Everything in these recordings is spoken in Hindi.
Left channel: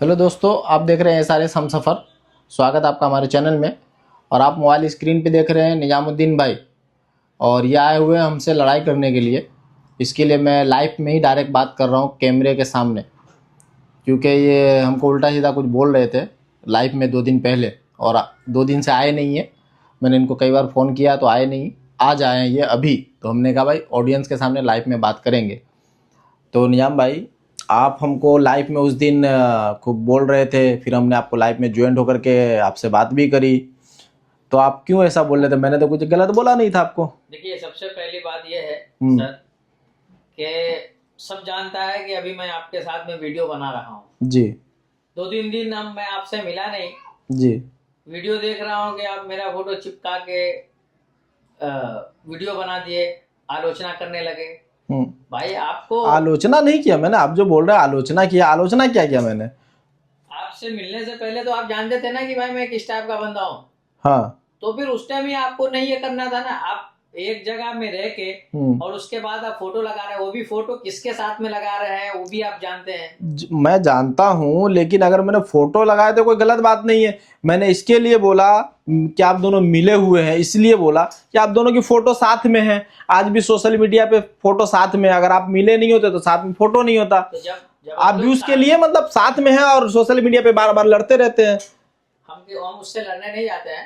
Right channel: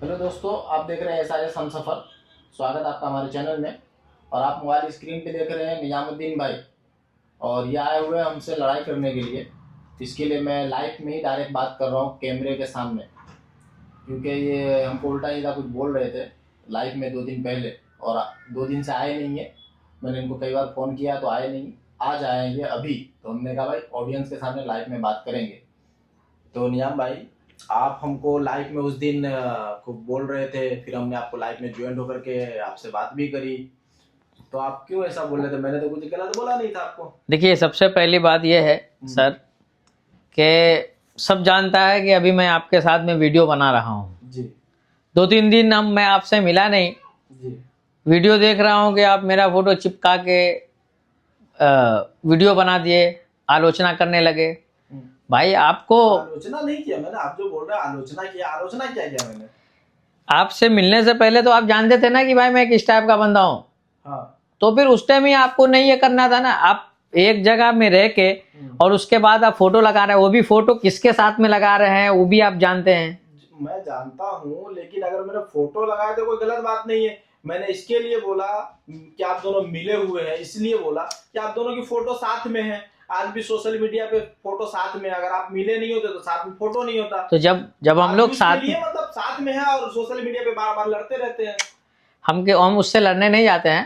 हेलो दोस्तों, आप देख रहे हैं SRS हमसफ़र। स्वागत है आपका हमारे चैनल में। और आप मोबाइल स्क्रीन पे देख रहे हैं निजामुद्दीन भाई, और ये आए हुए हैं हमसे लड़ाई करने के लिए। इसके लिए मैं लाइव में ही डायरेक्ट बात कर रहा हूँ कैमरे के सामने, क्योंकि ये हमको उल्टा सीधा कुछ बोल रहे थे लाइव में 2 दिन पहले, और 2 दिन से आए नहीं है। मैंने इनको कई बार फ़ोन किया तो आए नहीं, आज आए हैं ये अभी। तो हमने कहा भाई ऑडियंस के सामने लाइव में बात करेंगे। तो निजाम भाई, आप हमको लाइव में उस दिन खूब बोल रहे थे, फिर हमने आपको लाइव में ज्वाइन होकर के आपसे बात भी करी। तो आप क्यों ऐसा बोल रहे थे? मैंने तो कुछ गलत बोला नहीं था आपको। देखिए, सबसे पहली बात यह है सर कि सब जानता है कि अभी मैं आपके साथ में वीडियो बना रहा हूँ जी। 2-3 दिन हम मैं आपसे मिला नहीं जी। वीडियो देख रहा हूँ कि आप मेरा फोटो चिपका के वीडियो बना दिए, आलोचना करने लगे। भाई आपको आलोचना नहीं किया मैंने, आप जो बोल रहे हैं आलोचना किया। आलोचना क्या किया मैंने? आपसे मिलने से पहले तो आप जानते थे ना कि भाई मैं किस टाइप का बंदा हूँ। हाँ। तो फिर उस टाइम ही आपको नहीं ये करना था ना। आप एक जगह में रह के और उसके बाद आप फोटो लगा रहे हैं, वो भी फोटो किसके साथ में लगा रहे हैं वो भी आप जानते हैं। मैं जानता हूँ, लेकिन अगर मैंने फोटो लगाया तो कोई गलत बात नहीं है। मैंने इसके लिए बोला कि आप दोनों मिले हुए हैं, इसलिए बोला कि आप दोनों की फोटो साथ में है। आज भी सोशल मीडिया पे फोटो साथ में, अगर आप मिले नहीं होते तो साथ में फोटो नहीं होता। तो जब आप हम लोग उसके लिए मतलब साथ में है और सोशल मीडिया पे बार बार लड़ते रहते हैं। हम उससे लड़ने नहीं जाते हैं।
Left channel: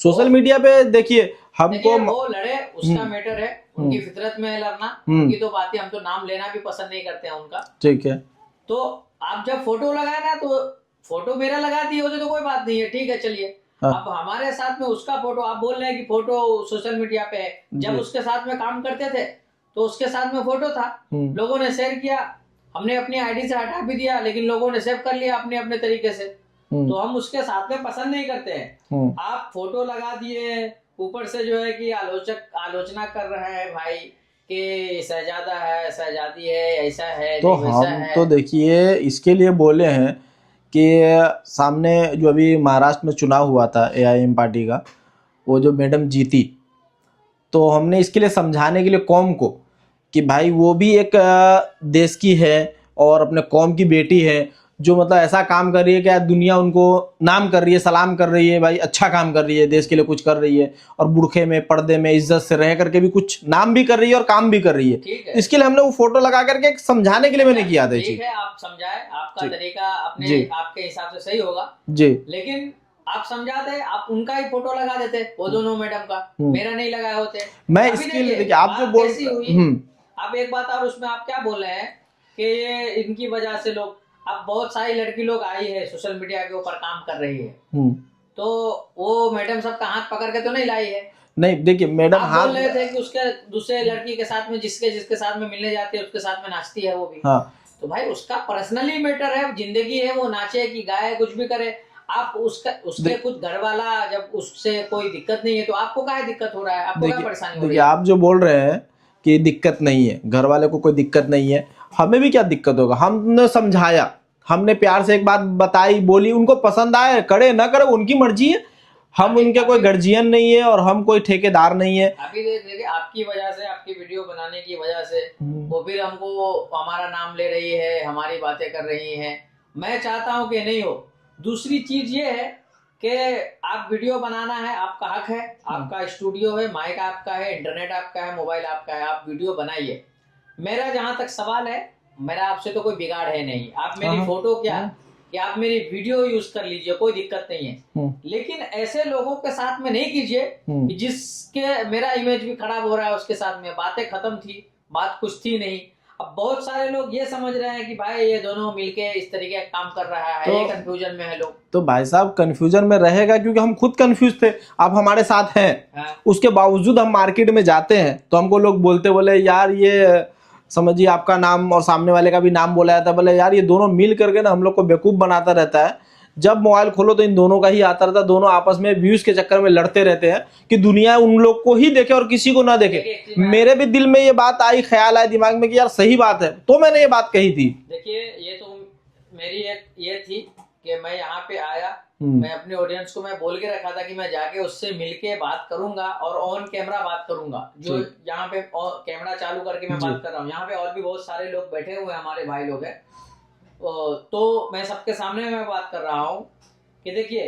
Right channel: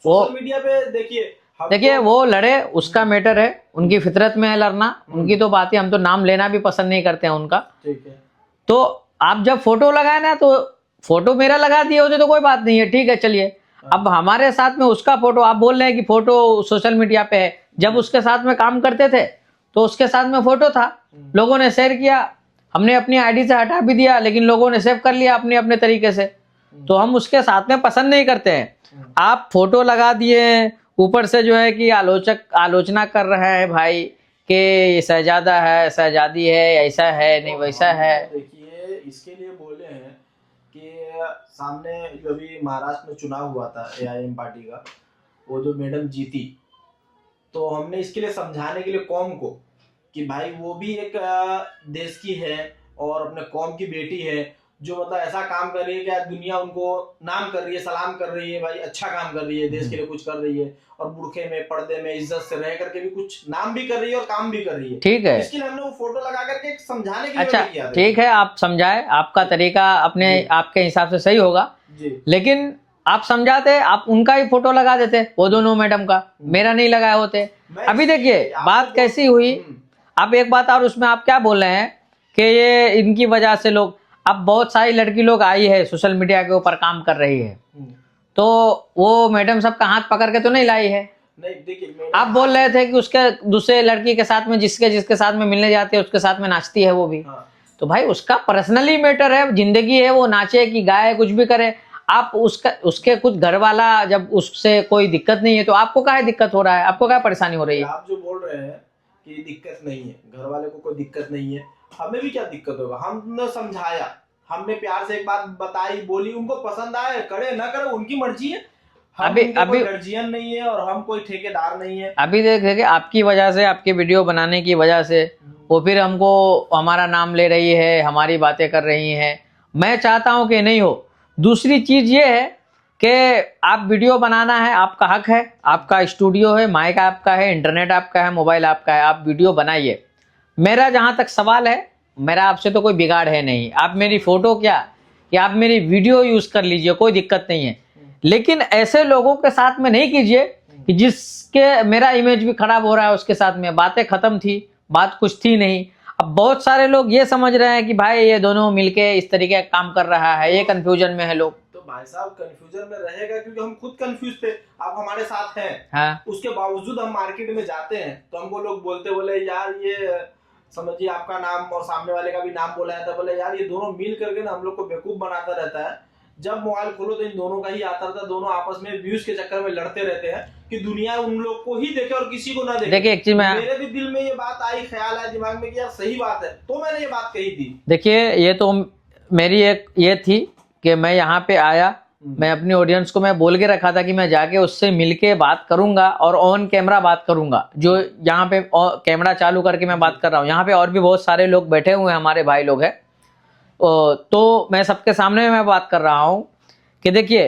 सोशल मीडिया पे देखिए वो लड़े, उसका मैटर है, उनकी फितरत में है लड़ना, उनकी तो बात है। हम तो नाम लेना भी पसंद नहीं करते हैं उनका। ठीक है। तो आप जब फोटो लगाए ना, तो फोटो मेरा लगा दिए होते तो कोई बात नहीं है, ठीक है चलिए। अब हमारे साथ में उसका फोटो, आप बोल रहे हैं कि फोटो सोशल मीडिया पे है। जब उसके साथ में काम करते थे तो उसके साथ में फोटो था, लोगों ने शेयर किया, हमने अपनी आईडी से हटा भी दिया, लेकिन लोगों ने सेव कर लिया अपने अपने तरीके से। तो हम उसके साथ में पसंद नहीं करते हैं। आप फोटो लगा दिए, ऊपर से जो है कि आलोचना कर रहे हैं भाई कि ये शहजादा है, शहजादी है, ऐसा है तो नहीं वैसा है। तो देखिए, इसके लिए बोले हैं कि सामने जो अभी महाराष्ट्र में चुनाव हुआ था AIM पार्टी का, वो जो मैडम जीती, तो हमने इसके लिए समझाने के लिए कौम को कि भाई वो भी एक देश की है और अपने कौम की बेटी है, जो मतलब ऐसा काम कर रही है कि दुनिया उनको नाम कर रही है, सलाम कर रही है। भाई अच्छा काम कर रही है, देश के लिए कुछ कर रही है, और बुरखे में पर्दे में इज्जत से रह करके भी कुछ नाम भी कर रही है और काम भी कर रही है। ठीक है, इसके लिए हमने वो फोटो लगा करके समझाने के लिए मैंने किया था। ठीक है, आप समझाए, आपका तरीका अपने आपके हिसाब से सही होगा जी। लेकिन आप समझाते, आप उनका ही फोटो लगा देते, वो दोनों मैडम का, मेरा नहीं लगाए होते। अभी देखिए बात कैसी हुई। अब एक बात और, उसमें आप क्या बोल रहे हैं कि ये इनकी वजह से लोग, अब बहुत सारी लड़की लोग आई है सोशल मीडिया के ऊपर काम कर रही है, तो वो मैडम सबका हाथ पकड़ के तो नहीं लाई है। नहीं देखिए मैडम, आप बोल रहे थे कि उसके दूसरे लड़की के साथ में, जिसके साथ में मिलने जाते हैं उसके साथ में नाचती है वो भी। तो भाई उसका पर्सनली मैटर है, जिंदगी है, वो नाचे कि गाए कुछ भी करे। आप उसके कुछ घर वाला, जब उससे कोई दिक्कत नहीं है तो आपको क्या दिक्कत हो रहा है, आपको क्या परेशानी हो रही है? आप जो बोल रहे हैं कि दिक्कत नहीं है, घर वाले को कोई दिक्कत नहीं है, हमें भी क्या दिक्कत होगा? हमने समझाया, हमने प्यार से एक बात बताई, बोली, उनको पसंद आए, करे ना करे उनकी मर्जी है। हम उनके कोई गार्जियन नहीं है और हम कोई ठेकेदार नहीं है। अभी देखे आपकी वजह से, आपकी वीडियो बनाने की वजह से वो फिर हमको हमारा नाम ले रही है, हमारी बातें कर रही है। मैं चाहता हूं कि नहीं हो। दूसरी चीज ये है कि आप वीडियो बनाना है, आपका हक है, आपका स्टूडियो है, माइक आपका है, इंटरनेट आपका है, मोबाइल आपका है, आप वीडियो बनाइए। मेरा जहां तक सवाल है, मेरा आपसे तो कोई बिगाड़ है नहीं। आप मेरी फोटो क्या कि आप मेरी वीडियो यूज कर लीजिए, कोई दिक्कत नहीं है, लेकिन ऐसे लोगों के साथ में नहीं कीजिए कि जिसके मेरा इमेज भी खराब हो रहा है उसके साथ में। बातें खत्म थी, बात कुछ थी नहीं। अब बहुत सारे लोग ये समझ रहे हैं कि भाई ये दोनों मिलके इस तरीके का काम कर रहा है, ये कंफ्यूजन में है लोग। तो भाई साहब कंफ्यूजन में रहेगा, क्योंकि हम खुद कंफ्यूज थे, आप हमारे साथ हैं। हाँ। उसके बावजूद हम मार्केट में जाते हैं तो हमको लोग बोले यार ये समझिए आपका नाम और सामने वाले का भी नाम बोला जाता है, बोले यार ये दोनों मिल करके ना हम लोग को बेवकूफ बनाता रहता है। जब मोबाइल खोलो तो इन दोनों का ही आता रहता है, दोनों आपस में व्यूज के चक्कर में लड़ते रहते हैं कि दुनिया उन लोग को ही देखे और किसी को ना देखे। मेरे भी दिल में ये बात आई, ख्याल आया दिमाग में कि यार सही बात है, तो मैंने ये बात कही थी। देखिए ये तो मेरी एक ये थी कि मैं यहाँ पे आया, मैं अपनी ऑडियंस को मैं बोल के रखा था कि मैं जाके उससे मिलके बात करूंगा और ऑन कैमरा बात करूंगा। जो यहाँ पे कैमरा चालू करके मैं बात कर रहा हूँ, यहाँ पे और भी बहुत सारे लोग बैठे हुए हैं, हमारे भाई लोग हैं। तो मैं सबके सामने मैं बात कर रहा हूँ कि देखिए,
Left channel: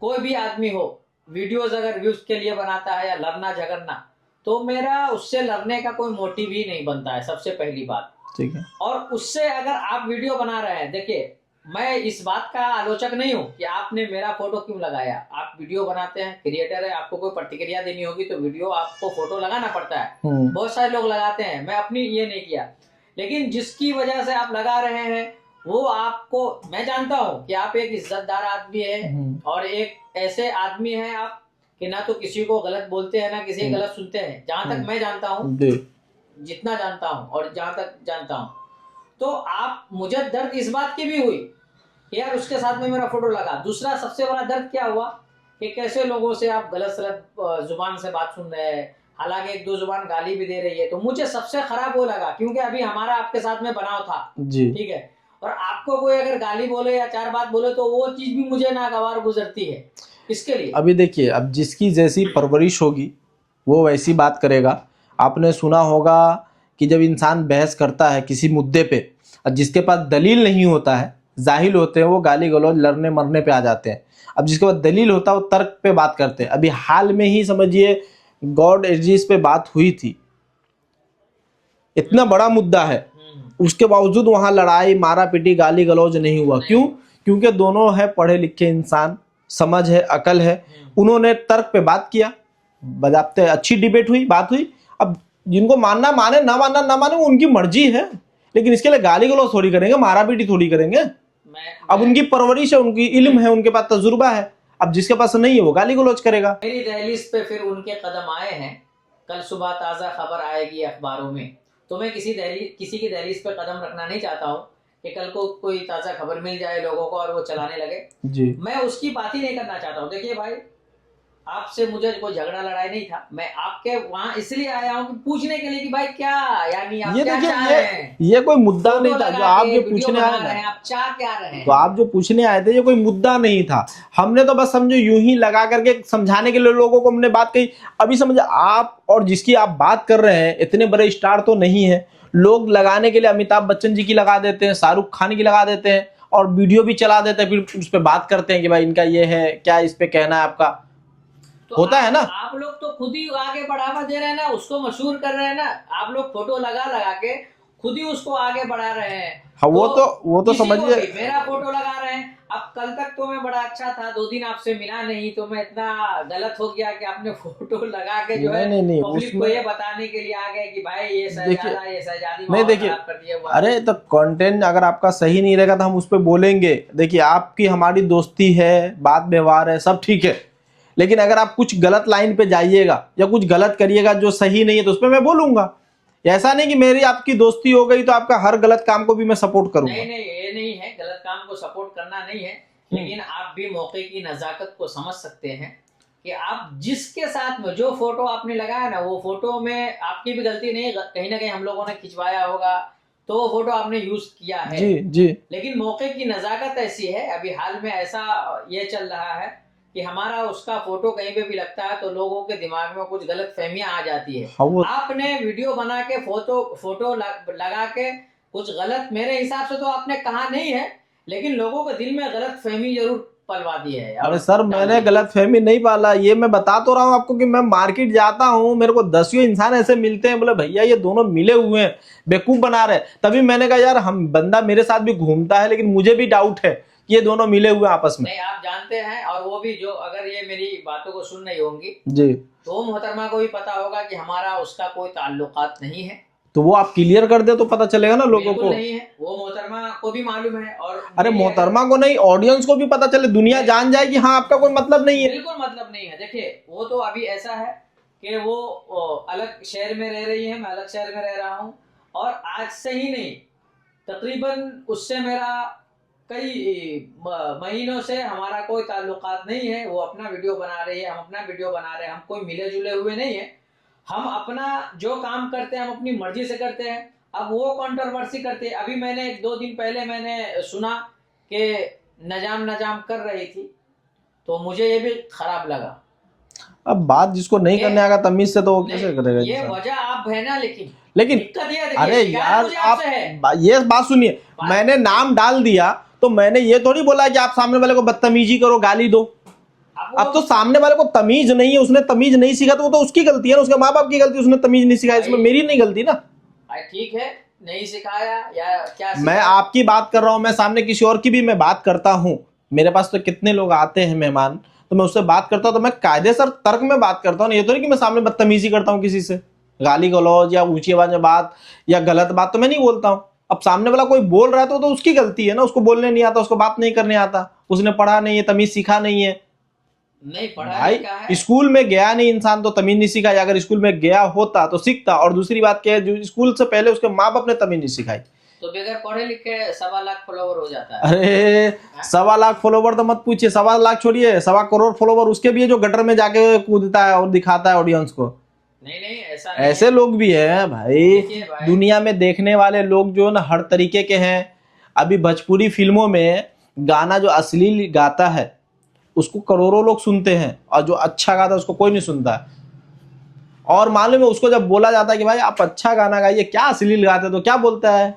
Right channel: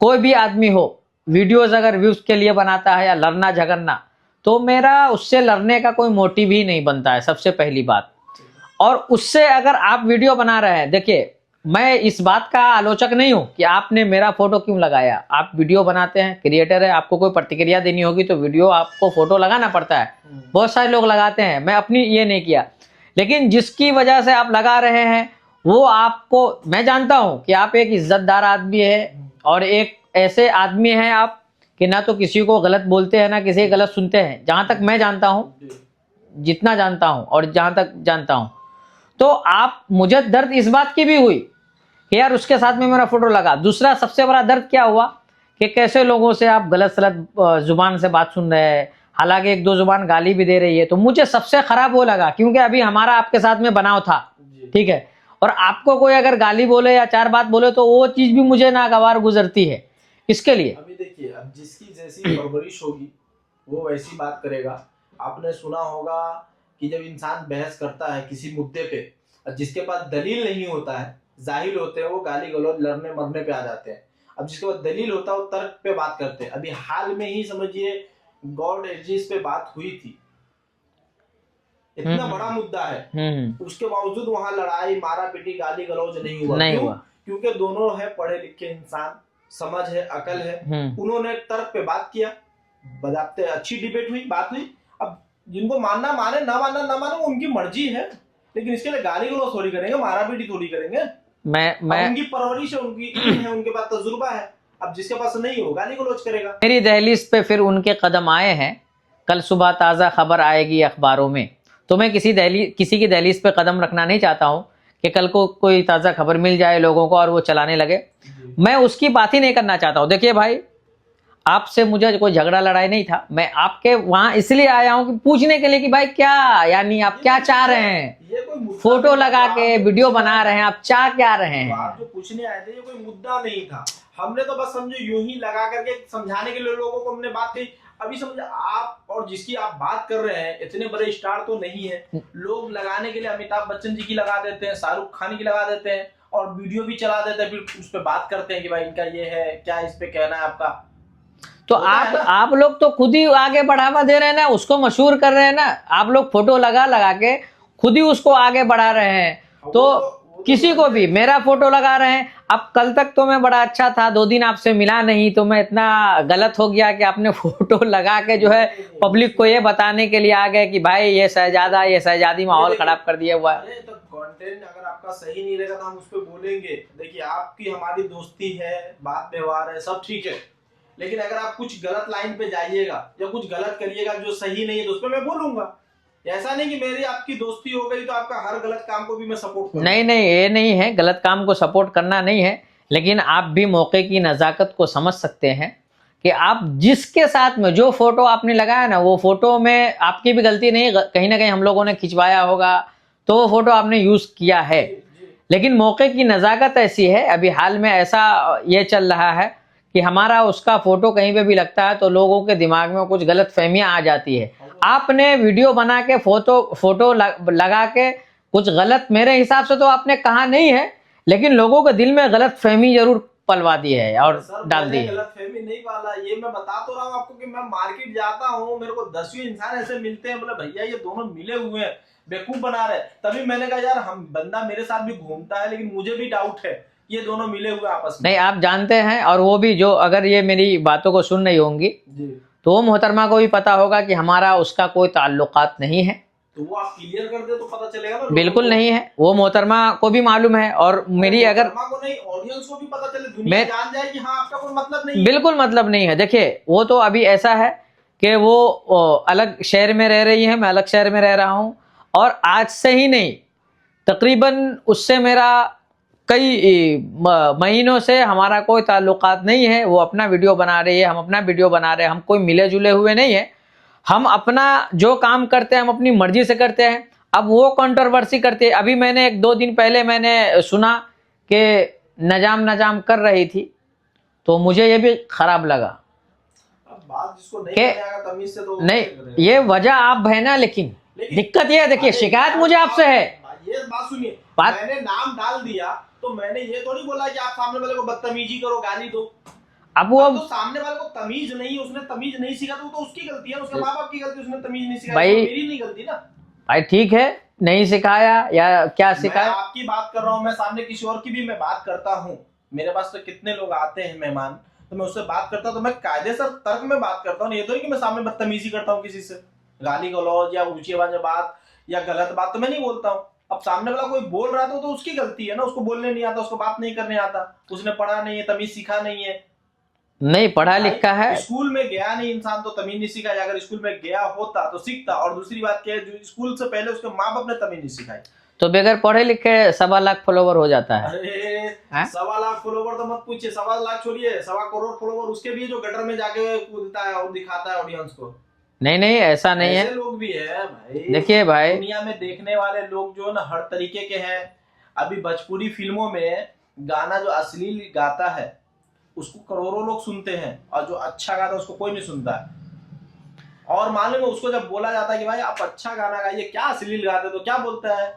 कोई भी आदमी हो वीडियोस अगर व्यूज के लिए बनाता है या लड़ना झगड़ना, तो मेरा उससे लड़ने का कोई मोटिव ही नहीं बनता है, सबसे पहली बात। ठीक है। और उससे अगर आप वीडियो बना रहे हैं, देखिए मैं इस बात का आलोचक नहीं हूं कि आपने मेरा फोटो क्यों लगाया। आप वीडियो बनाते हैं, क्रिएटर है, आपको कोई प्रतिक्रिया देनी होगी तो वीडियो आपको फोटो लगाना पड़ता है। बहुत सारे लोग लगाते हैं, मैं अपनी ये नहीं किया। लेकिन जिसकी वजह से आप लगा रहे हैं वो आपको, मैं जानता हूं कि आप एक इज्जतदार आदमी है और एक ऐसे आदमी हैं आप कि ना तो किसी को गलत बोलते हैं ना किसी की गलत सुनते हैं, जहां तक मैं जानता हूं, जितना जानता हूं और जहां तक जानता हूं। तो आप, मुझे दर्द इस बात की भी हुई कि यार उसके साथ में मेरा फोटो लगा। दूसरा सबसे बड़ा दर्द क्या हुआ कि कैसे लोगों से आप गलत सलत जुबान से बात सुन रहे हैं, हालांकि एक दो जुबान गाली भी दे रही है। तो मुझे सबसे खराब वो लगा, क्योंकि अभी हमारा आपके साथ में बनाव था, ठीक है, और आपको कोई अगर गाली बोले या चार बात बोले तो वो चीज भी मुझे नागवार गुजरती है। इसके लिए अभी देखिए, अब जिसकी जैसी परवरिश होगी वो वैसी बात करेगा। आपने सुना होगा कि जब इंसान बहस करता है किसी मुद्दे पे और जिसके पास दलील नहीं होता है, जाहिल होते हैं, वो गाली गलौज लड़ने मरने पे आ जाते हैं। अब जिसके पास दलील होता है वो तर्क पे बात करते हैं। अभी हाल में ही समझिए गॉड एजिस पे बात हुई थी, इतना बड़ा मुद्दा है, उसके बावजूद वहां लड़ाई मारा पीटी गाली गलौज नहीं हुआ। क्यों? क्योंकि दोनों है पढ़े लिखे इंसान, समझ है, अकल है। उन्होंने तर्क पे बात किया, बजाते अच्छी डिबेट हुई, बात हुई। अब जिनको मानना माने, ना मानना ना माने, वो उनकी मर्जी है, लेकिन इसके लिए गाली गलौज थोड़ी करेंगे, मारा पीटी थोड़ी करेंगे। अब उनकी परवरिश है, उनकी इल्म है, उनके पास तजुर्बा है। अब जिसके पास नहीं है वो गाली गलौज करेगा। मेरी दहलीज पे फिर उनके कदम आए हैं, कल सुबह ताज़ा खबर आएगी अखबारों में। तो मैं किसी की दहलीज पे कदम रखना नहीं चाहता हूँ कि कल को कोई ताज़ा खबर मिल जाए लोगों को और वो चलाने लगे जी। मैं उसकी बात ही नहीं करना चाहता हूँ। देखिए भाई, आपसे मुझे कोई झगड़ा लड़ाई नहीं था, मैं आपके वहां इसलिए आया हूं कि पूछने के लिए कि भाई क्या, यानी आप क्या चाह रहे हैं। ये कोई मुद्दा फोटो लगा के वीडियो बना रहे हैं, आप चाह क्या रहे हैं। तो आप जो पूछने आए थे ये कोई मुद्दा नहीं था, हमने तो बस समझो यूं ही लगा करके समझाने के लिए लोगों को हमने बात कही। अभी समझे आप और जिसकी आप बात कर रहे हैं इतने बड़े स्टार तो नहीं है, लोग लगाने के लिए अमिताभ बच्चन जी की लगा देते हैं, शाहरुख खान की लगा देते हैं और वीडियो भी चला देते हैं, फिर उस पर बात करते हैं कि भाई इनका ये है, क्या इस पे कहना है आपका। तो आप लोग तो खुद ही आगे बढ़ावा दे रहे हैं ना, उसको मशहूर कर रहे हैं ना। आप लोग फोटो लगा के खुद ही उसको आगे बढ़ा रहे हैं। हाँ, वो तो किसी को भी मेरा फोटो लगा रहे हैं। अब कल तक तो मैं बड़ा अच्छा था, 2 दिन आपसे मिला नहीं तो मैं इतना गलत हो गया कि आपने फोटो लगा के जो है पब्लिक को ये बताने के लिए आ गए कि भाई ये शहजादा, ये शहजादी माहौल खराब कर दिया हुआ। अरे तो कंटेंट अगर आपका सही नहीं रहेगा तो हम उस पर बोलेंगे। देखिए आपकी हमारी दोस्ती है, बात व्यवहार है, सब ठीक है, लेकिन अगर आप कुछ गलत लाइन पे जाइएगा या कुछ गलत करिएगा जो सही नहीं है तो उस पर मैं बोलूंगा। ऐसा नहीं कि मेरी आपकी दोस्ती हो गई तो आपका हर गलत काम को भी मैं सपोर्ट करूंगा। नहीं, ये नहीं है, गलत काम को सपोर्ट करना नहीं है, लेकिन आप भी मौके की नजाकत को समझ सकते हैं कि आप जिसके साथ में जो फोटो आपने लगाया ना, वो फोटो में आपकी भी गलती नहीं, कहीं ना कहीं हम लोगों ने खिंचवाया होगा तो वो फोटो आपने यूज किया है जी। लेकिन मौके की नजाकत ऐसी है, अभी हाल में ऐसा ये चल रहा है कि हमारा उसका फोटो कहीं पे भी लगता है तो लोगों के दिमाग में कुछ गलत फहमियां आ जाती है। आपने वीडियो बना के फोटो लगा के कुछ गलत, मेरे हिसाब से तो आपने कहा नहीं है, लेकिन लोगों के दिल में गलत फहमी जरूर पलवा दी है। और सर मैंने गलत फहमी नहीं पाला, ये मैं बता तो रहा हूँ आपको कि मैं मार्केट जाता हूँ, मेरे को 10 इंसान ऐसे मिलते हैं, बोले भैया ये दोनों मिले हुए हैं, बेवकूफ बना रहे। तभी मैंने कहा यार हम, बंदा मेरे साथ भी घूमता है लेकिन मुझे भी डाउट है ये दोनों मिले हुए आपस में। नहीं, आप जानते हैं, और वो भी जो अगर ये मेरी बातों को सुन रही होंगी जी, तो मोहतरमा को भी पता होगा कि हमारा उसका कोई ताल्लुकात नहीं है। तो वो आप क्लियर कर दे तो पता चलेगा ना लोगों बिल्कुल को। नहीं है, वो मोहतरमा को भी मालूम है और मेरी मोहतरमा को नहीं, ऑडियंस को भी पता चले, दुनिया जान जाए कि हाँ आपका कोई मतलब नहीं है। बिल्कुल मतलब नहीं है। देखिए वो तो अभी ऐसा है कि वो अलग शहर में रह रही है, मैं अलग शहर में रह रहा हूँ, और आज से ही नहीं तकरीबन उससे मेरा कई महीनों से हमारा कोई ताल्लुकात नहीं है। वो अपना वीडियो बना रही है, हम अपना वीडियो बना रहे हैं, हम कोई मिले जुले हुए नहीं है। हम अपना जो काम करते हैं हम अपनी मर्जी से करते हैं। अब वो कंट्रोवर्सी करते हैं। अभी मैंने 1-2 दिन पहले मैंने सुना कि नजाम कर रही थी, तो मुझे ये भी खराब लगा। अब बात जिसको नहीं करने आएगा तमीज से तो नहीं, ये वजह आप है ना, लेकिन दिक्कत ये है, देखिए अरे शिकायत यार, मुझे आपसे है। ये बात सुनिए, मैंने नाम डाल दिया तो मैंने ये थोड़ी बोला कि आप सामने वाले को बदतमीजी करो, गाली दो। अब तो सामने वाले को तमीज नहीं है, उसने तमीज नहीं सीखा तो वो तो उसकी गलती है ना, उसके माँ बाप की गलती, उसने तमीज नहीं सिखाई, इसमें मेरी नहीं गलती ना भाई। ठीक है, नहीं सिखाया या क्या सिखाया? मैं आपकी बात कर रहा हूं, मैं सामने किसी और की भी मैं बात करता हूं। मेरे पास तो कितने लोग आते हैं मेहमान, तो मैं उससे बात करता हूं तो मैं कायदेसर तर्क में बात करता हूं। ये तो नहीं कि मैं सामने बदतमीजी करता हूं किसी से, गाली गलौज या ऊंची आवाज में बात या गलत बात तो मैं नहीं बोलता हूं। अब सामने वाला कोई बोल रहा है तो उसकी गलती है ना, उसको बोलने नहीं आता, उसको बात नहीं करने आता, उसने पढ़ा नहीं है, तमीज सीखा नहीं है। नहीं पढ़ा लिखा है, स्कूल में गया नहीं इंसान तो तमीज नहीं सीखा, अगर स्कूल में गया होता तो सीखता। और दूसरी बात क्या है, जो स्कूल से पहले उसके माँ बाप ने तमीज नहीं सिखाई तो बगैर पढ़े लिखे 1.25 लाख फॉलोवर हो जाता है। अरे 1.25 लाख फॉलोवर तो मत पूछिए, 1.25 लाख छोड़िए, 1.25 करोड़ फॉलोवर उसके भी है जो गटर में जाके कूदता है और दिखाता है ऑडियंस को। नहीं ऐसा नहीं ऐसे है, लोग भी है भाई। देखिए भाई, दुनिया में देखने वाले लोग जो ना हर तरीके के हैं। अभी भोजपुरी फिल्मों में गाना जो अश्लील गाता है उसको करोड़ों लोग सुनते हैं, और जो अच्छा गाता है उसको कोई नहीं सुनता है। और मालूम है उसको जब बोला जाता है कि भाई आप अच्छा गाना गाइए, क्या अश्लील गाते, तो क्या बोलता है,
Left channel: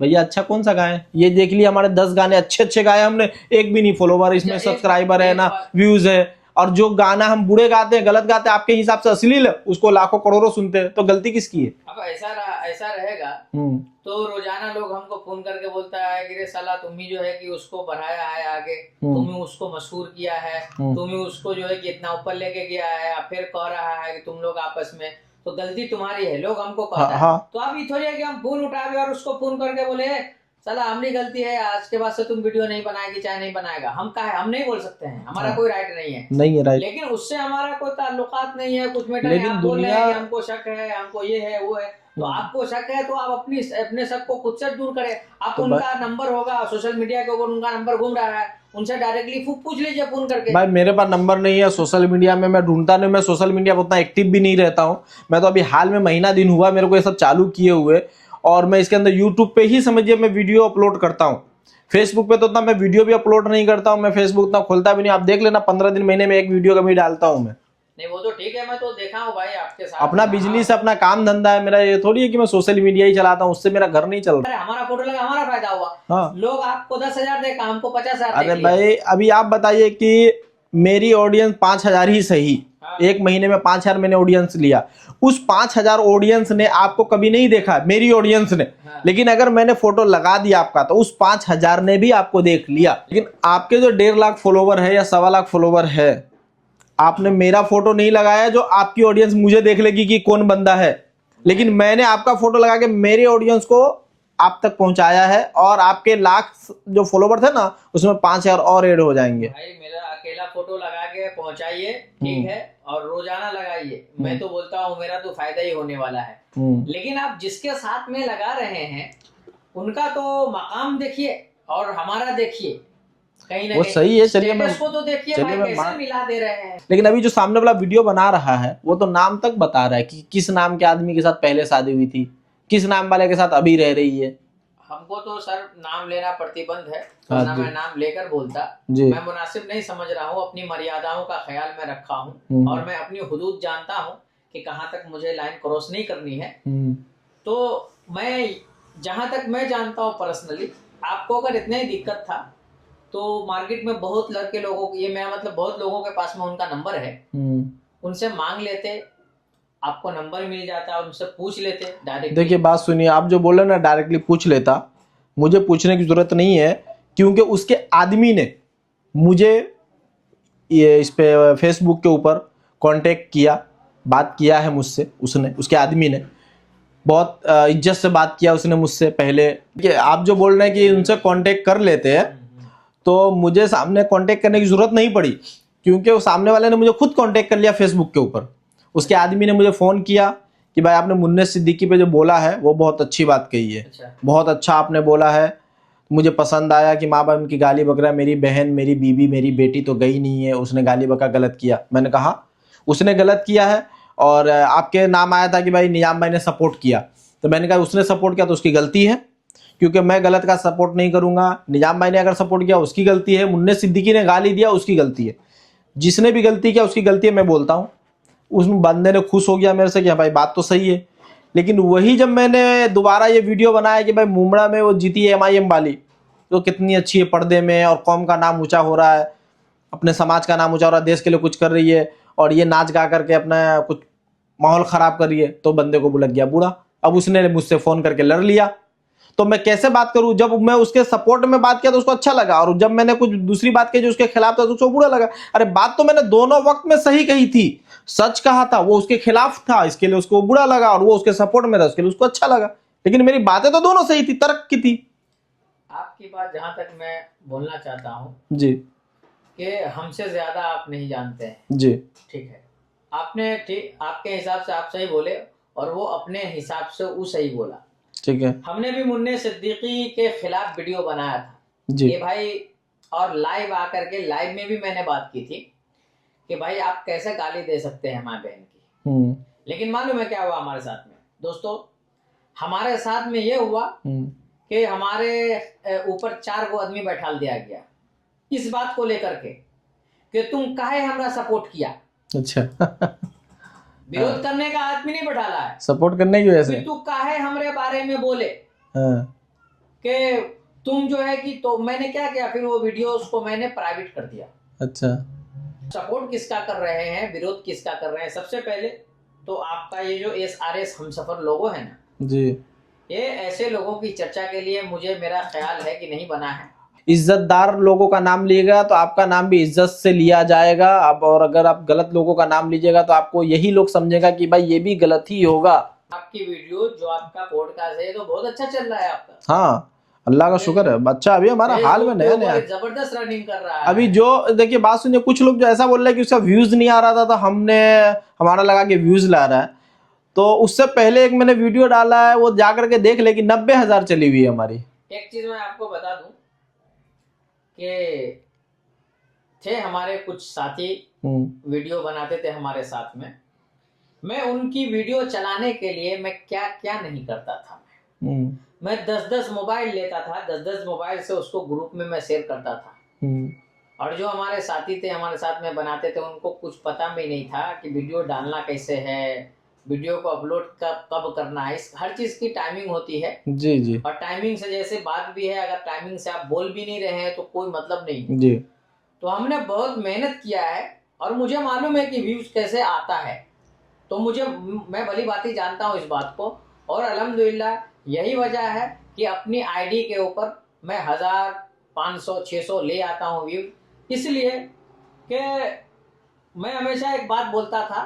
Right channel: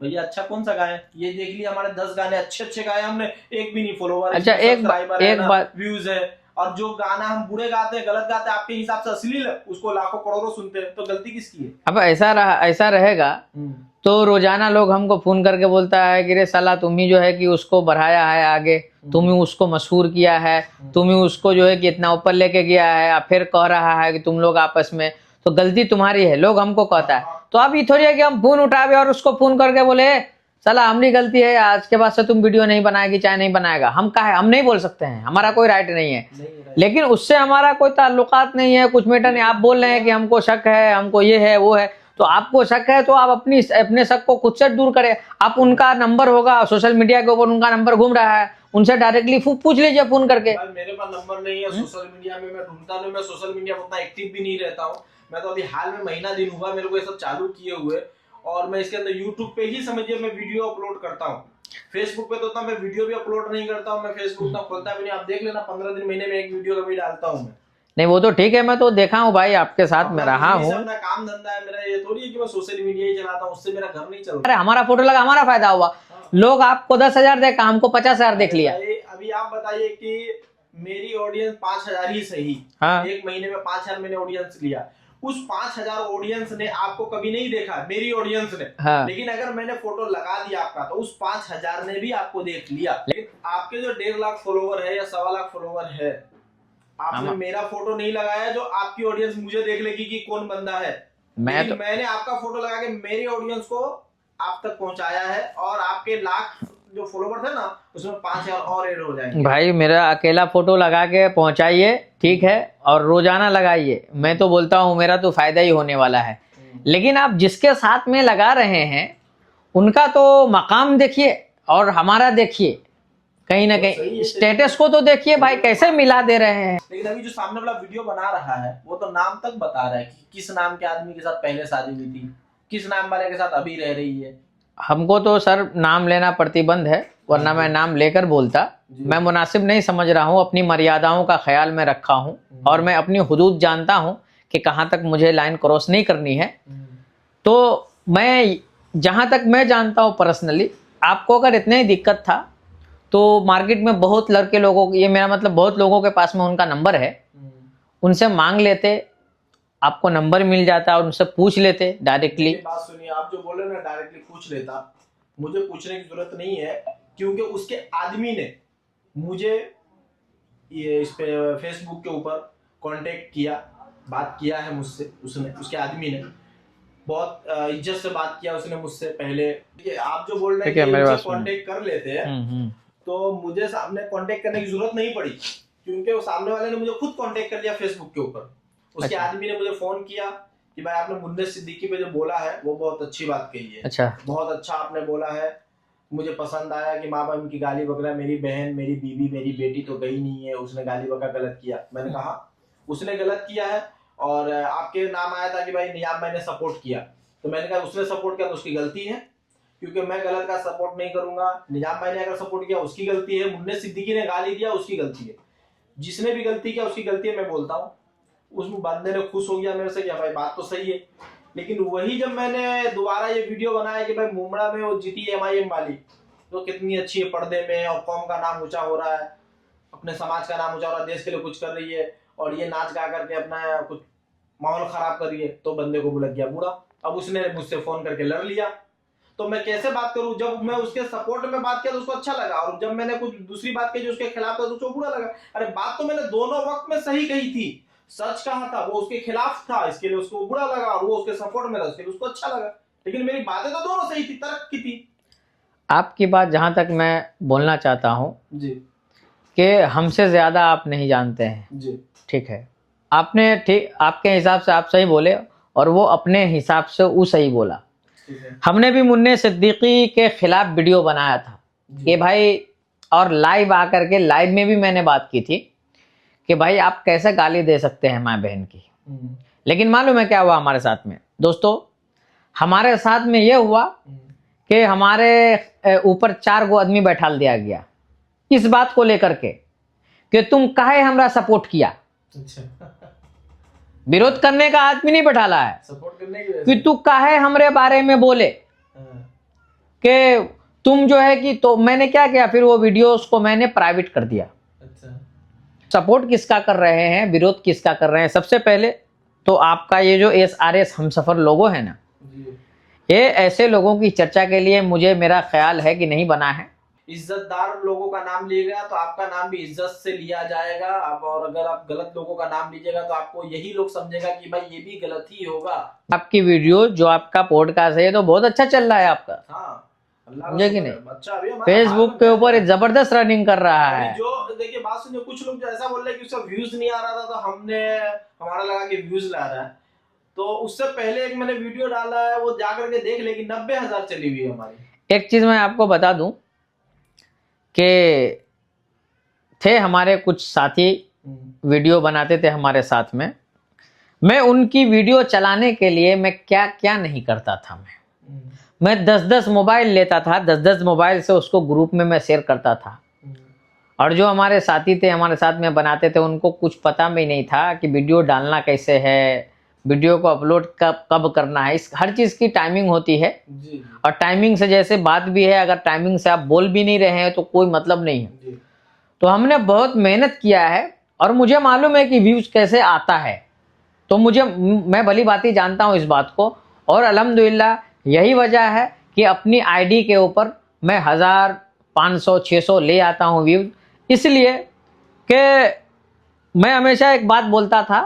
भैया अच्छा कौन सा गाए, ये देख लिया हमारे 10 गाने अच्छे गाए हमने, एक भी नहीं फॉलोवर, अच्छा, इसमें सब्सक्राइबर है ना व्यूज है, और जो गाना हम बुरे गाते हैं, गलत गाते हैं, आपके हिसाब से अश्लील है, उसको लाखों करोड़ों सुनते हैं, तो गलती किसकी है? अब ऐसा रहेगा तो रोजाना लोग हमको फोन करके बोलता है कि रे साला तुम ही जो है कि उसको बढ़ाया है आगे, तुम ही उसको मशहूर किया है, तुम ही उसको जो है कि इतना ऊपर लेके गया है, अब फिर कह रहा है कि तुम लोग आपस में, तो गलती तुम्हारी है, लोग हमको कहता है। तो अब ये थोड़ी है कि हम फोन उठावे और उसको फोन करके बोले साला हमारी गलती है, आज के बाद से तुम वीडियो नहीं बनाएगी, चाहे नहीं बनाएगा, हम कहा है, हम नहीं बोल सकते हैं, हमारा कोई राइट नहीं है राइट। लेकिन उससे हमारा कोई ताल्लुकात नहीं है, कुछ मैटर नहीं। आप बोल रहे हैं कि हमको शक है, हमको ये है वो है, तो आपको शक है तो आप अपने शक को खुद से दूर करें। आप उनका नंबर होगा सोशल मीडिया के ऊपर, उनका नंबर घूम रहा है, उनसे डायरेक्टली पूछ लीजिए फोन करके। भाई मेरे पास नंबर नहीं है, सोशल मीडिया में मैं ढूंढता नहीं, मैं सोशल मीडिया पर उतना एक्टिव भी नहीं रहता हूँ। मैं तो अभी हाल में महीना दिन हुआ मेरे को ये सब चालू किए हुए, और मैं इसके अंदर यूट्यूब पे ही समझिए मैं वीडियो अपलोड करता हूँ। फेसबुक पे तो उतना मैं वीडियो भी अपलोड नहीं करता हूँ, मैं फेसबुक उतना खोलता भी नहीं। आप देख लेना 15 दिन महीने में एक वीडियो कभी डालता हूँ मैं। नहीं वो तो ठीक है, मैं तो देखा हूँ भाई आपके साथ, अपना बिजनेस अपना काम धंधा है मेरा, ये थोड़ी है कि मैं सोशल मीडिया ही चलाता हूँ, उससे मेरा घर नहीं चल रहा। अरे हमारा फोटो लगा, हमारा फायदा हुआ। हाँ। लोग आपको 10,000 देखा, हमको 50,000 देख लिया। भाई अभी आप बताइए कि मेरी ऑडियंस 5,000 ही सही। हाँ। एक महीने में 5,000 मैंने ऑडियंस लिया, उस 5,000 ऑडियंस ने आपको कभी नहीं देखा, मेरी ऑडियंस ने। हाँ। लेकिन अगर मैंने फोटो लगा दिया आपका तो उस 5,000 ने भी आपको देख लिया। लेकिन आपके जो 1.5 लाख फॉलोवर है या 1.25 लाख फॉलोवर है, आपने मेरा फोटो नहीं लगाया जो आपकी ऑडियंस मुझे देख लेगी कि कौन बंदा है, लेकिन मैंने आपका फोटो लगा के मेरी ऑडियंस को आप तक पहुंचाया है, और आपके लाख जो फॉलोवर थे ना उसमें 5,000 और ऐड हो जाएंगे। भाई मेरा अकेला फोटो लगा के पहुंचाइए, ठीक है, और रोजाना लगाइए, मैं तो बोलता हूं मेरा तो फायदा ही होने वाला है। लेकिन आप जिसके साथ में लगा रहे हैं उनका तो मकाम देखिए और हमारा देखिए, कहीं ना कहीं स्टेटस को तो देखिए भाई, कैसे मिला दे रहे हैं। लेकिन अभी जो सामने वाला वीडियो बना रहा है वो तो नाम तक बता रहा है कि किस नाम के आदमी के साथ पहले शादी हुई थी, किस नाम वाले के साथ अभी रह रही है। हमको तो सर नाम लेना प्रतिबंध है, वरना मैं नाम लेकर बोलता। मैं मुनासिब नहीं समझ रहा हूँ, अपनी मर्यादाओं का ख्याल में रखा हूँ, और मैं अपनी हुदूद जानता हूँ कि कहाँ तक मुझे लाइन क्रॉस नहीं करनी है। तो मैं जहाँ तक मैं जानता हूँ पर्सनली, आपको अगर इतनी ही दिक्कत था तो मार्केट में बहुत लड़के लोगों, ये मेरा मतलब बहुत लोगों के पास में उनका नंबर है, उनसे मांग लेते, आपको नंबर मिल जाता और उनसे पूछ लेते डायरेक्टली। देखिए बात सुनिए, आप जो बोले ना डायरेक्टली पूछ लेता, मुझे पूछने की जरूरत नहीं है, क्योंकि उसके आदमी ने मुझे ये इस पे फेसबुक के ऊपर कांटेक्ट किया, बात किया है मुझसे, उसने, उसके आदमी ने बहुत इज्जत से बात किया उसने मुझसे पहले। आप जो बोल रहे हैं कि उनसे कांटेक्ट कर लेते हैं, तो मुझे सामने कांटेक्ट करने की जरूरत नहीं पड़ी, क्योंकि वो सामने वाले ने मुझे खुद कांटेक्ट कर लिया फेसबुक के ऊपर। उसके आदमी ने मुझे फोन किया कि भाई आपने मुन्ने सिद्दीकी पे जो बोला है वो बहुत अच्छी बात कही है। अच्छा। बहुत अच्छा आपने बोला है, मुझे पसंद आया कि माँ बाप की गाली बकरा, मेरी बहन, मेरी बीवी, मेरी बेटी तो गई नहीं है, उसने गाली बकरा गलत किया। मैंने कहा उसने गलत किया है, और आपके नाम आया था कि भाई निजाम भाई ने सपोर्ट किया, तो मैंने कहा उसने सपोर्ट किया तो उसकी गलती है, क्योंकि मैं गलत का सपोर्ट नहीं करूंगा। निजाम भाई ने अगर सपोर्ट किया उसकी गलती है, मुन्ने सिद्दीकी ने गाली दिया उसकी गलती है, जिसने भी गलती किया उसकी गलती है, मैं बोलता हूँ। उस बंदे ने खुश हो गया मेरे से कि भाई बात तो सही है, लेकिन वही जब मैंने दोबारा ये वीडियो बनाया कि भाई मुंबड़ा में वो जीती है MIM वाली, तो कितनी अच्छी है पर्दे में और कौम का नाम ऊंचा हो रहा है, अपने समाज का नाम ऊंचा हो रहा है, देश के लिए कुछ कर रही है, और ये नाच गा करके अपना कुछ माहौल खराब कर रही है, तो बंदे को लग गया बुरा। अब उसने मुझसे फोन करके लड़ लिया, तो मैं कैसे बात करूं? जब मैं उसके सपोर्ट में बात किया तो उसको अच्छा लगा, और जब मैंने कुछ दूसरी बात की जो उसके खिलाफ था तो उसको बुरा लगा। अरे बात तो मैंने दोनों वक्त में सही कही थी, सच कहा था, वो उसके खिलाफ था इसके लिए उसको बुरा लगा, और वो उसके सपोर्ट में था उसके लिए उसको अच्छा लगा, लेकिन मेरी बातें तो दोनों सही थी, तर्क की थी। आपकी बात जहां तक मैं बोलना चाहता हूं जी कि हमसे ज्यादा आप नहीं जानते हैं, जी ठीक है, आपने ठीक आपके हिसाब से आप सही बोले और वो अपने हिसाब से वो सही बोला। ठीक है हमने भी मुन्ने सिद्दीकी के खिलाफ वीडियो बनाया था जी कि भाई, और लाइव आकर के लाइव में भी मैंने बात की थी कि भाई आप कैसे गाली दे सकते हैं माँ बहन की। लेकिन मालूम है क्या हुआ हमारे साथ में दोस्तों? हमारे साथ में ये हुआ कि हमारे ऊपर 4 गो आदमी बैठा दिया गया इस बात को लेकर के कि तुम काहे हमरा सपोर्ट किया। अच्छा विरोध करने का आदमी नहीं बैठाला है, सपोर्ट करने की वजह कि से। तू काहे हमरे बारे में बोले हाँ, कि तुम जो है कि, तो मैंने क्या किया, फिर वो वीडियोस को मैंने प्राइवेट कर दिया। अच्छा सपोर्ट किसका कर रहे हैं, विरोध किसका कर रहे हैं? सबसे पहले तो आपका ये जो SRS हमसफर लोगो है ना जी, ये ऐसे लोगों की चर्चा के लिए मुझे मेरा ख्याल है कि नहीं बना है। इज्जतदार लोगों का नाम लिएगा तो आपका नाम भी इज्जत से लिया जाएगा। अब और अगर आप गलत लोगों का नाम लीजिएगा तो आपको यही लोग समझेगा कि भाई ये भी गलत ही होगा। आपकी वीडियो जो आपका पॉडकास्ट है ये तो बहुत अच्छा चल रहा है आपका। हाँ अल्लाह का मुझे शुक्र कि है, बच्चा अभी हमारा हाल फेसबुक में पे नया ऊपर नया। एक जबरदस्त रनिंग कर रहा है। अभी जो देखिए बात सुनिए, कुछ लोग जो ऐसा बोल रहे हैं कि उसका व्यूज नहीं आ रहा था तो हमने हमारा लगा कि व्यूज ला रहा है, तो उससे पहले एक मैंने वीडियो डाला है वो जाकर के देख ले कि 90,000 चली हुई है हमारी। एक चीज मैं आपको बता दूं कि थे हमारे कुछ साथी वीडियो बनाते थे हमारे साथ में, मैं उनकी वीडियो चलाने के लिए मैं क्या क्या नहीं करता था। मैं 10-10 मोबाइल लेता था, 10-10 मोबाइल से उसको ग्रुप में मैं शेयर करता था। और जो हमारे साथी थे हमारे साथ में बनाते थे उनको कुछ पता भी नहीं था कि वीडियो डालना कैसे है, वीडियो को अपलोड कब कब करना है, इस हर चीज़ की टाइमिंग होती है। जी जी और टाइमिंग से जैसे बात भी है, अगर टाइमिंग से आप बोल भी नहीं रहे हैं तो कोई मतलब नहीं है। जी। तो हमने बहुत मेहनत किया है और मुझे मालूम है कि व्यूज कैसे आता है, तो मैं भली भांति जानता हूँ इस बात को। और अल्हम्दुलिल्लाह यही वजह है कि अपनी आईडी के ऊपर मैं 1000, 500, 600 ले आता हूँ व्यूज, इसलिए कि मैं हमेशा एक बात बोलता था,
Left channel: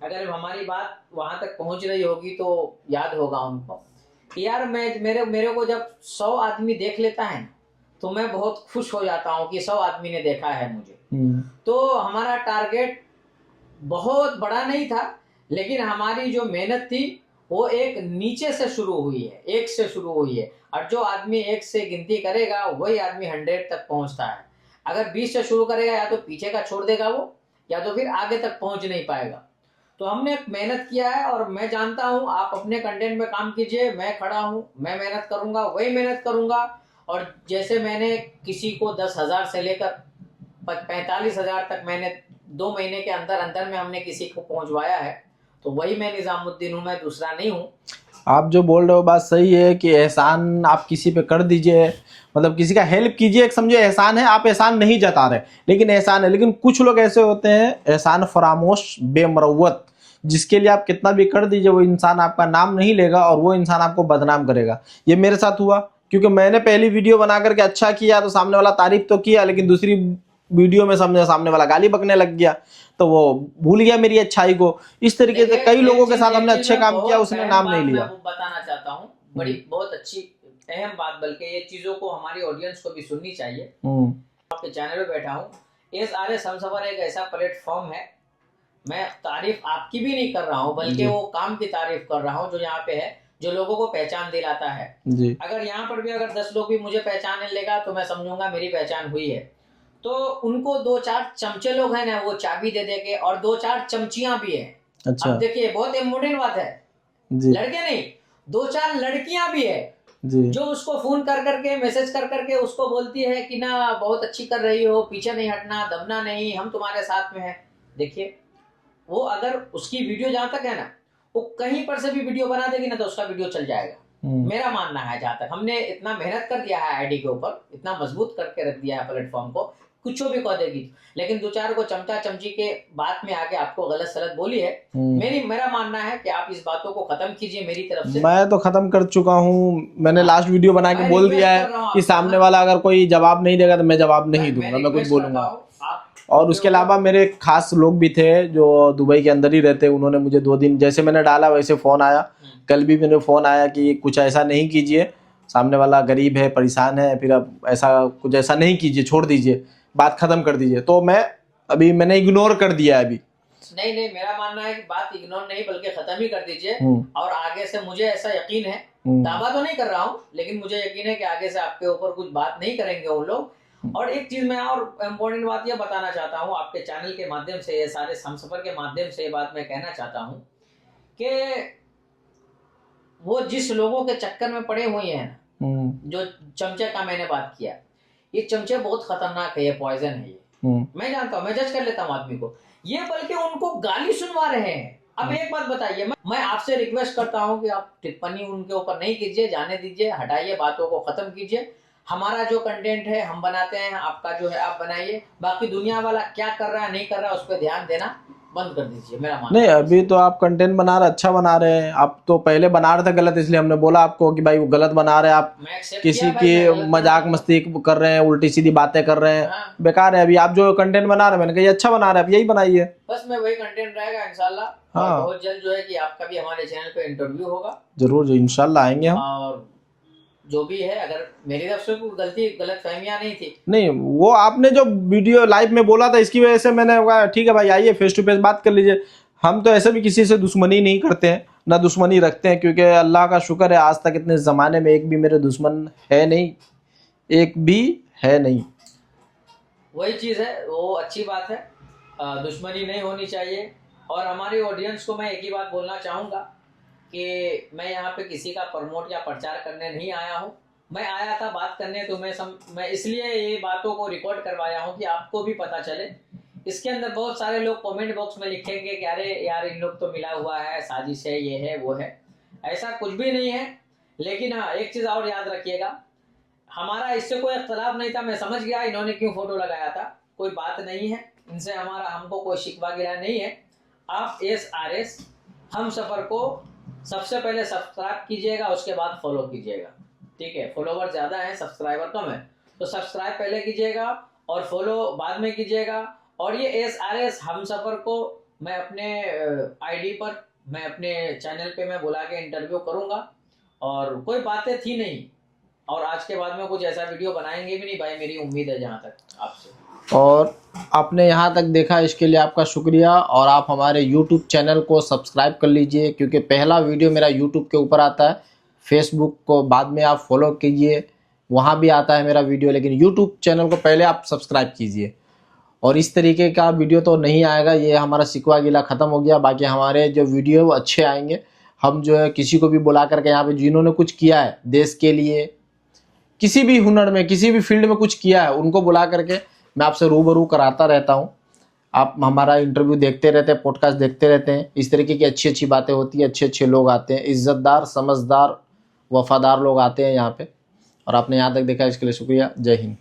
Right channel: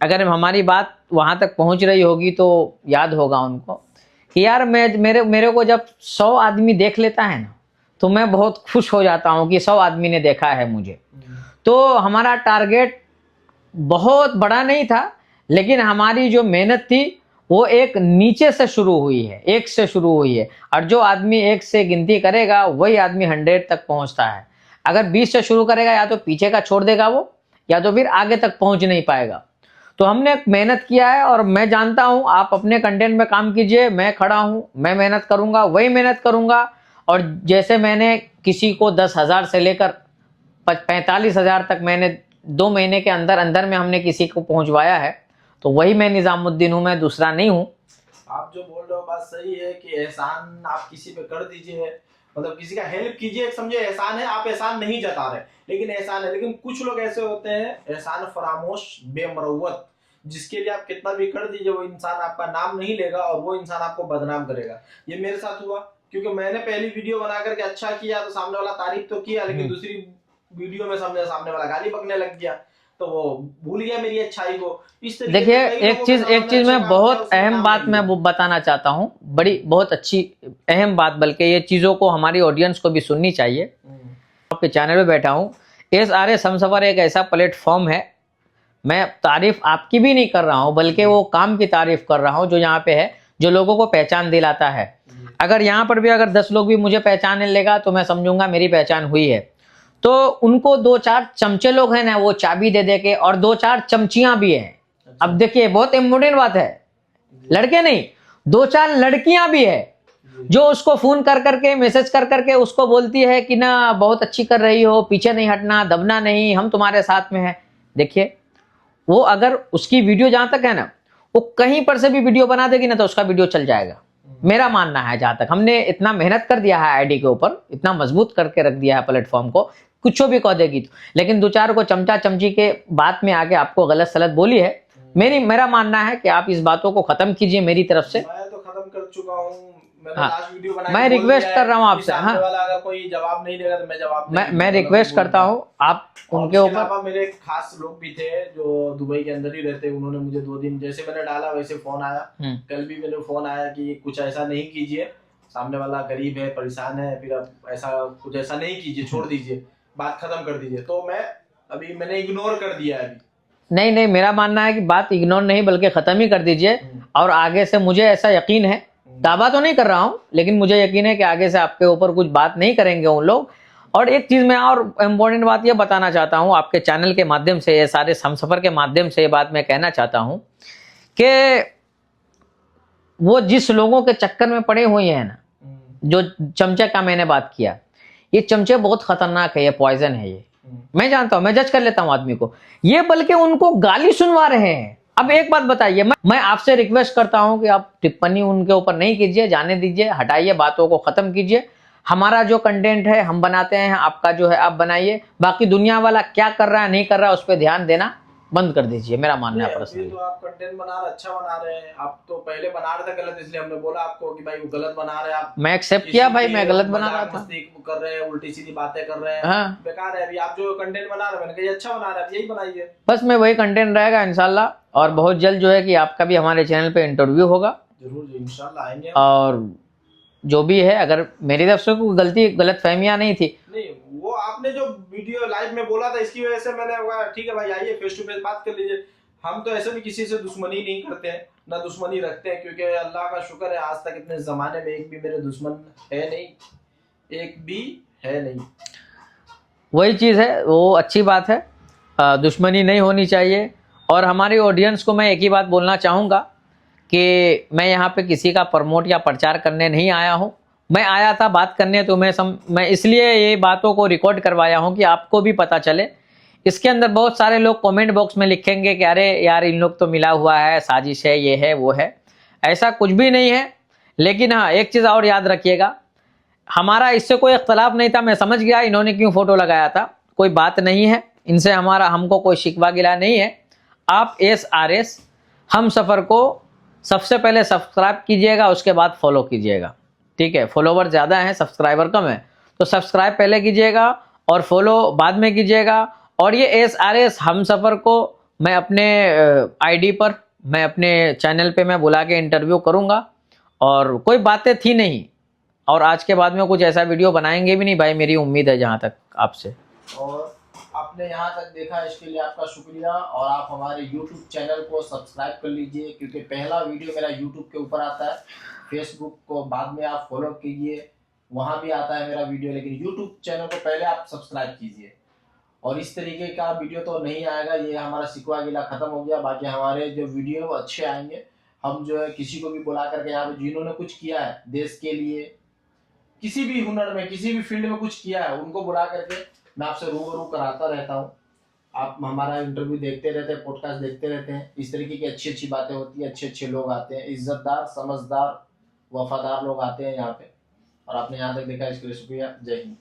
अगर हमारी बात वहाँ तक पहुँच रही होगी तो याद होगा उनको कि यार मेरे को जब 100 आदमी देख लेता है ना तो मैं बहुत खुश हो जाता हूँ कि 100 आदमी ने देखा है मुझे। तो हमारा टारगेट बहुत बड़ा नहीं था, लेकिन हमारी जो मेहनत थी वो एक नीचे से शुरू हुई है, 1 से शुरू हुई है, और जो आदमी 1 से गिनती करेगा वही आदमी 100 तक पहुंचता है। अगर 20 से शुरू करेगा या तो पीछे का छोड़ देगा वो, या तो फिर आगे तक पहुंच नहीं पाएगा। तो हमने मेहनत किया है और मैं जानता हूं आप अपने कंटेंट में काम कीजिए, मैं खड़ा हूं, मैं मेहनत करूंगा, वही मेहनत करूंगा। और जैसे मैंने किसी को 10,000 से लेकर 45,000 तक मैंने 2 महीने के अंदर अंदर में हमने किसी को पहुंचवाया है, तो वही मैं निजामुद्दीन हूं, मैं दूसरा नहीं हूं। आप जो बोल रहे हो बात सही है कि एहसान आप किसी पे कर दीजिए, मतलब किसी का हेल्प कीजिए, एक समझे एहसान है, आप एहसान नहीं जता रहे लेकिन एहसान है। लेकिन कुछ लोग ऐसे होते हैं एहसान फरामोश बेमरवत, जिसके लिए आप कितना भी कर दीजिए वो इंसान आपका नाम नहीं लेगा और वो इंसान आपको बदनाम करेगा। ये मेरे साथ हुआ, क्योंकि मैंने पहली वीडियो बना करके अच्छा किया तो सामने वाला तारीफ तो किया, लेकिन दूसरी वीडियो में सामने वाला गाली बकने लग गया तो वो भूल गया मेरी अच्छाई को। इस तरीके से कई लोगों के साथ हमने अच्छा काम किया, उसने नाम नहीं लिया। मैं वो बताना चाहता हूँ, बड़ी बहुत अच्छी अहम बात, बल्कि ये चीजों को हमारी ऑडियंस को भी सुननी चाहिए। आपके चैनल पे बैठा हूँ, SRS हमसफर एक ऐसा प्लेटफॉर्म है, मैं तारीफ आपकी भी नहीं कर रहा हूँ बल्कि वो काम की तारीफ कर रहा हूँ जो यहाँ पे है, जो लोगों को पहचान दिलाता है। अगर यहाँ पर भी अगर 10 लोग भी मुझे पहचानने लेगा तो मैं समझूंगा मेरी पहचान हुई है। तो उनको 2-4 चमचे लोग हैं ना वो चाबी दे दे के, और 2-4 चमचियां भी हैं। अच्छा। अब देखिए बहुत इम्पोर्टेंट बात है, लड़के नहीं 2-4 लड़कियां भी है जो उसको फोन कर करके मैसेज कर करके उसको बोलती है कि ना बहुत अच्छी कर रही हो, पीछे नहीं हटना, दबना नहीं, हम तुम्हारे साथ में है। देखिए वो अगर उसकी वीडियो जहां तक है ना, वो कहीं पर से भी वीडियो बना देगी ना तो उसका वीडियो चल जाएगा। मेरा मानना है, जहां तक हमने इतना मेहनत कर दिया है आईडी के ऊपर, इतना मजबूत करके रख दिया है प्लेटफॉर्म को, कुछ भी कह देगी तो। लेकिन दो चार को चमचा चमची के बात में आके आपको गलत सलत बोली है, मेरा मानना है कि आप इस बातों को खत्म कीजिए मेरी तरफ से। मैं तो खत्म कर चुका हूँ, मैंने लास्ट वीडियो बना के बोल दिया है कि सामने वाला अगर कोई जवाब नहीं देगा तो मैं जवाब नहीं दूंगा। मैं रिक्वेस्ट करता हूँ आप। और उसके अलावा मेरे खास लोग भी थे जो दुबई के अंदर ही रहते, उन्होंने मुझे 2 दिन जैसे मैंने डाला वैसे फोन आया। कल भी मेरे फोन आया कि कुछ ऐसा नहीं कीजिए, सामने वाला गरीब है, परेशान है, फिर अब कुछ ऐसा नहीं कीजिए, छोड़ दीजिए, बात खत्म कर दीजिए। तो मैंने इग्नोर कर दिया है अभी। नहीं, मेरा मानना है कि बात इग्नोर नहीं बल्कि खत्म ही कर दीजिए। और आगे से मुझे ऐसा यकीन है, दावा तो नहीं कर रहा हूँ, लेकिन मुझे यकीन है कि आगे से आपके ऊपर कुछ बात नहीं करेंगे वो लोग। और एक चीज मैं और इम्पोर्टेंट बात ये बताना चाहता हूँ आपके चैनल के माध्यम से, ये सारे हमसफर के माध्यम से ये बात मैं कहना चाहता हूँ कि वो जिस लोगों के चक्कर में पड़े हुए हैं ना, जो चमचे का मैंने बात किया, ये चमचे बहुत खतरनाक है, ये पॉइजन है ये। मैं जानता हूं, मैं जज कर लेता हूं आदमी को, ये बल्कि उनको गाली सुनवा रहे हैं। अब एक बात बताइए, मैं आपसे रिक्वेस्ट करता हूं कि आप टिप्पणी उनके ऊपर नहीं कीजिए, जाने दीजिए, हटाइए, बातों को खत्म कीजिए। हमारा जो कंटेंट है हम बनाते हैं, आपका जो है आप बनाइए, बाकी दुनिया वाला क्या कर रहा है नहीं कर रहा है उस पर ध्यान देना बंद कर दीजिए, मेरा मानना नहीं। है। अभी तो आप कंटेंट बना रहे, अच्छा बना रहे हैं। आप तो पहले बना रहे थे गलत, इसलिए हमने बोला आपको कि भाई वो गलत बना रहे हैं आप। मैं एक्सेप्ट किया भाई, मैं गलत मजाक मस्ती कर रहे हैं, उल्टी सीधी बातें कर रहे हैं। हाँ। बेकार है। अभी आप जो कंटेंट बना रहे हैं, मैंने कहा ये अच्छा बना रहे हैं, आप यही बनाइए। बस मैं वही कंटेंट रहेगा इंशाल्लाह। और बहुत जल्द जो है कि आपका भी हमारे चैनल पे इंटरव्यू होगा। जरूर इंशाल्लाह आएंगे हम। और जो भी है, अगर मेरी तरफ से कोई गलती गलत फहमियां नहीं थी, नहीं, वो आपने जो वीडियो लाइव में बोला था इसकी वजह से मैंने कहा ठीक है भाई आइए फेस टू फेस बात कर लीजिए। हम तो ऐसे भी किसी से दुश्मनी नहीं करते हैं, ना दुश्मनी रखते हैं, क्योंकि अल्लाह का शुक्र है आज तक इतने ज़माने में एक भी मेरे दुश्मन है नहीं, एक भी है नहीं। वही चीज़ है, वो अच्छी बात है, दुश्मनी नहीं होनी चाहिए। और हमारी ऑडियंस को मैं एक ही बात बोलना चाहूँगा कि मैं यहाँ पे किसी का प्रमोट या प्रचार करने नहीं आया हूँ। मैं आया था बात करने, तो मैं इसलिए ये बातों को रिकॉर्ड करवाया हूँ कि आपको भी पता चले। इसके अंदर बहुत सारे लोग कमेंट बॉक्स में लिखेंगे कि अरे यार इन लोग तो मिला हुआ है, साजिश है, ये है वो है। ऐसा कुछ भी नहीं है। लेकिन हाँ, एक चीज़ और याद रखिएगा, हमारा इससे कोई इख्तलाफ नहीं था। मैं समझ गया इन्होंने क्यों फ़ोटो लगाया था, कोई बात नहीं है इनसे, हमको कोई शिकवा गिला नहीं है। आप SRS हमसफ़र को सबसे पहले सब्सक्राइब कीजिएगा, उसके बाद फॉलो कीजिएगा, ठीक है। फॉलोवर ज़्यादा हैं, सब्सक्राइबर कम है, तो सब्सक्राइब पहले कीजिएगा और फॉलो बाद में कीजिएगा। और ये SRS हमसफ़र को मैं अपने आईडी पर, मैं अपने चैनल पे मैं बुला के इंटरव्यू करूँगा। और कोई बातें थी नहीं, और आज के बाद में कुछ ऐसा वीडियो बनाएंगे भी नहीं भाई, मेरी उम्मीद है जहाँ तक आपसे। और आपने यहाँ तक देखा, इसके लिए आपका शुक्रिया। और आप हमारे YouTube चैनल को सब्सक्राइब कर लीजिए, क्योंकि पहला वीडियो मेरा YouTube के ऊपर आता है। फेसबुक को बाद में आप फॉलो कीजिए, वहाँ भी आता है मेरा वीडियो, लेकिन YouTube चैनल को पहले आप सब्सक्राइब कीजिए। और इस तरीके का वीडियो तो नहीं आएगा, ये हमारा शिकवा गिला ख़त्म हो गया। बाकी हमारे जो वीडियो अच्छे आएंगे, हम जो है किसी को भी बुला करके यहाँ पे जिन्होंने कुछ किया है देश के लिए, किसी भी हुनर में, किसी भी फील्ड में कुछ किया है, उनको बुला करके मैं आपसे रूबरू कराता रहता हूँ। आप हमारा इंटरव्यू देखते रहते हैं, पॉडकास्ट देखते रहते हैं। इस तरीके की अच्छी अच्छी बातें होती हैं, अच्छे अच्छे लोग आते हैं, इज़्ज़तदार, समझदार, वफादार लोग आते हैं यहाँ पे। और आपने यहाँ तक देखा, इसके लिए शुक्रिया। जय हिंद।